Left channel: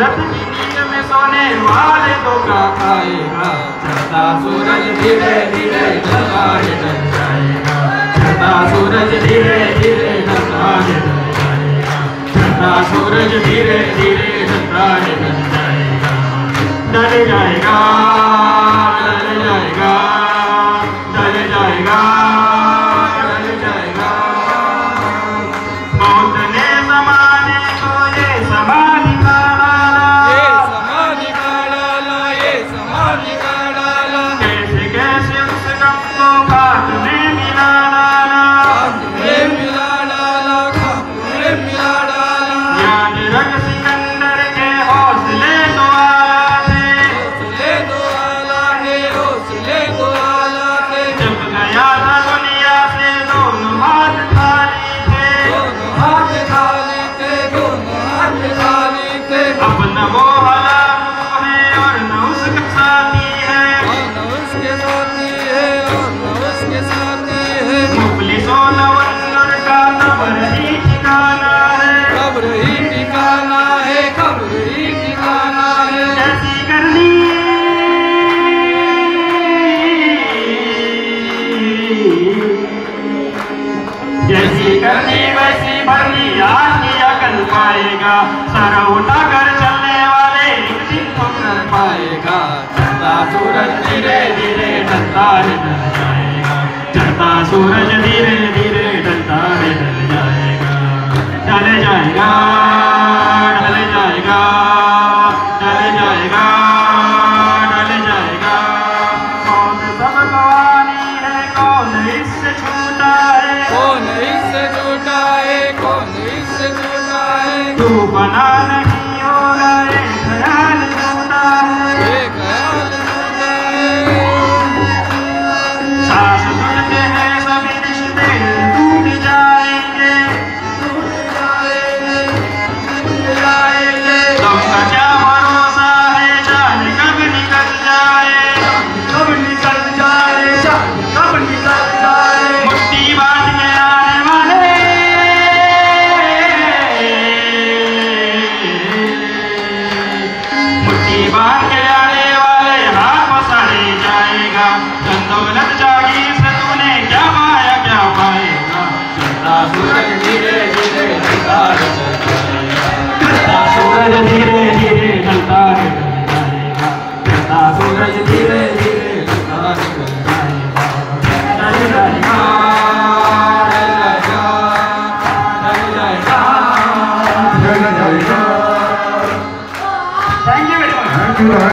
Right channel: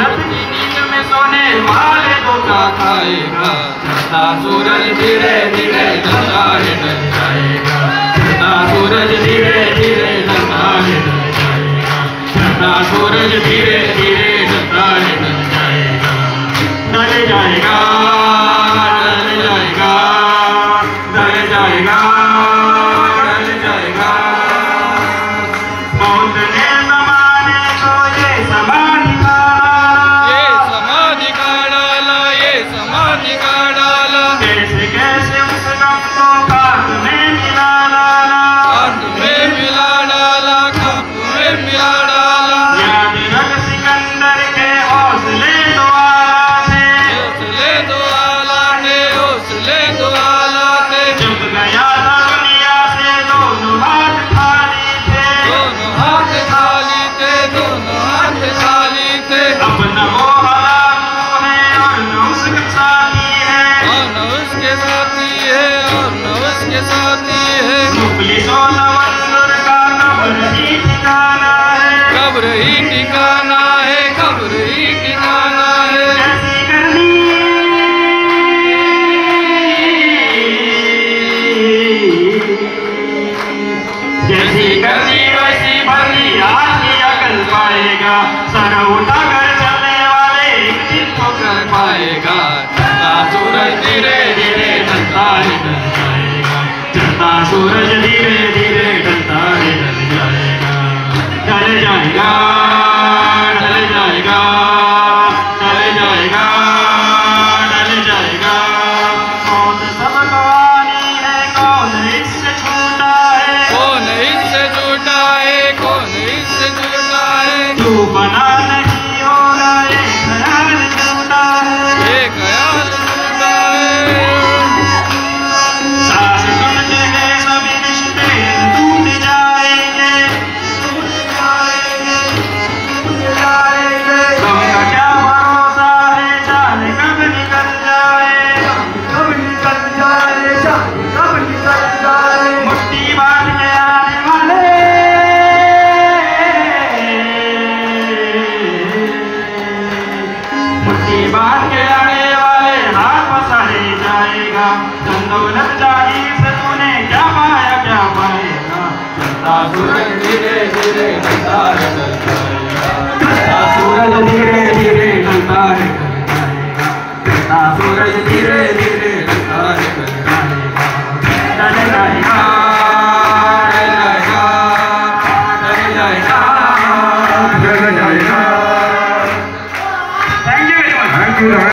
सूरत की नींद में सोने वाले धोखा खाएगा। चढ़ता सूरज धीरे धीरे ढलता है ढल जाएगा। चढ़ता सूरज धीरे धीरे ढलता है ढल जाएगा। चढ़ता सूरज धीरे धीरे ढलता है ढल जाएगा। ढल जाएगा, ढल जाएगा, ढल जाएगा, ढल जाएगा। मौत ने ज़माने को ये समाधि का डाला, ये समाधि का डाला। कैसे कैसे उस गम को खाक में मिला डाला, खाक में मिला डाला, खाक में मिला डाला। याद रख सिकंदर के हौसले दो आला थे, हौसले दो आला थे, हौसले दो आला थे। जब गया था दुनिया से दोनों हाथ खाली थे, दोनों हाथ खाली थे, दोनों हाथ खाली थे। अब न वो साथी है और न उसके साथी है। मुखलिसों नवंदुर का कब्र ही ठिकाना है, कब्र ही ठिकाना है, कब्र ही ठिकाना है। ऐसी करनी जैसी करनी वैसी भरनी आज अकल पाएगा। सर उठाकर चलने वाले एक दिन तो कर पाएगा। चढ़ता सूरज धीरे धीरे ढलता है ढल जाएगा। चढ़ता सूरज धीरे धीरे ढलता है ढल जाएगा। ढल जाएगा, ढल जाएगा, ढल जाएगा, ढल जाएगा। मौत सब गवानी है, कौन इससे छूटा है, कौन इससे छूटा है, कौन इससे छूटा है। तू बना नहीं हो रहा है, ख्याल छूटा है, ये ख्याल छूटा है। सांस बढ़ते हैं सभी रिश्ते टूट जाएंगे, टूट जाएंगे, टूट जाएंगे। तुमको क्या भरोसा है, जाने कब निकल जाए, कब निकल जाए, जाने कब निकल जाए। मुट्ठी बांध के आने वाले, मुट्ठी बांध के आने वाले हाथ पसारे जाएगा। धन दौलत जागीर से तूने क्या पाया, क्या पाएगा। चढ़ता सूरज धीरे धीरे ढलता है ढल जाएगा। चढ़ता सूरज धीरे धीरे ढलता है ढल जाएगा। चढ़ता सूरज धीरे धीरे ढलता है ढल जाएगा। ढल जाएगा, ढल जाएगा, ढल जाएगा, ढल जाएगा। Thank you.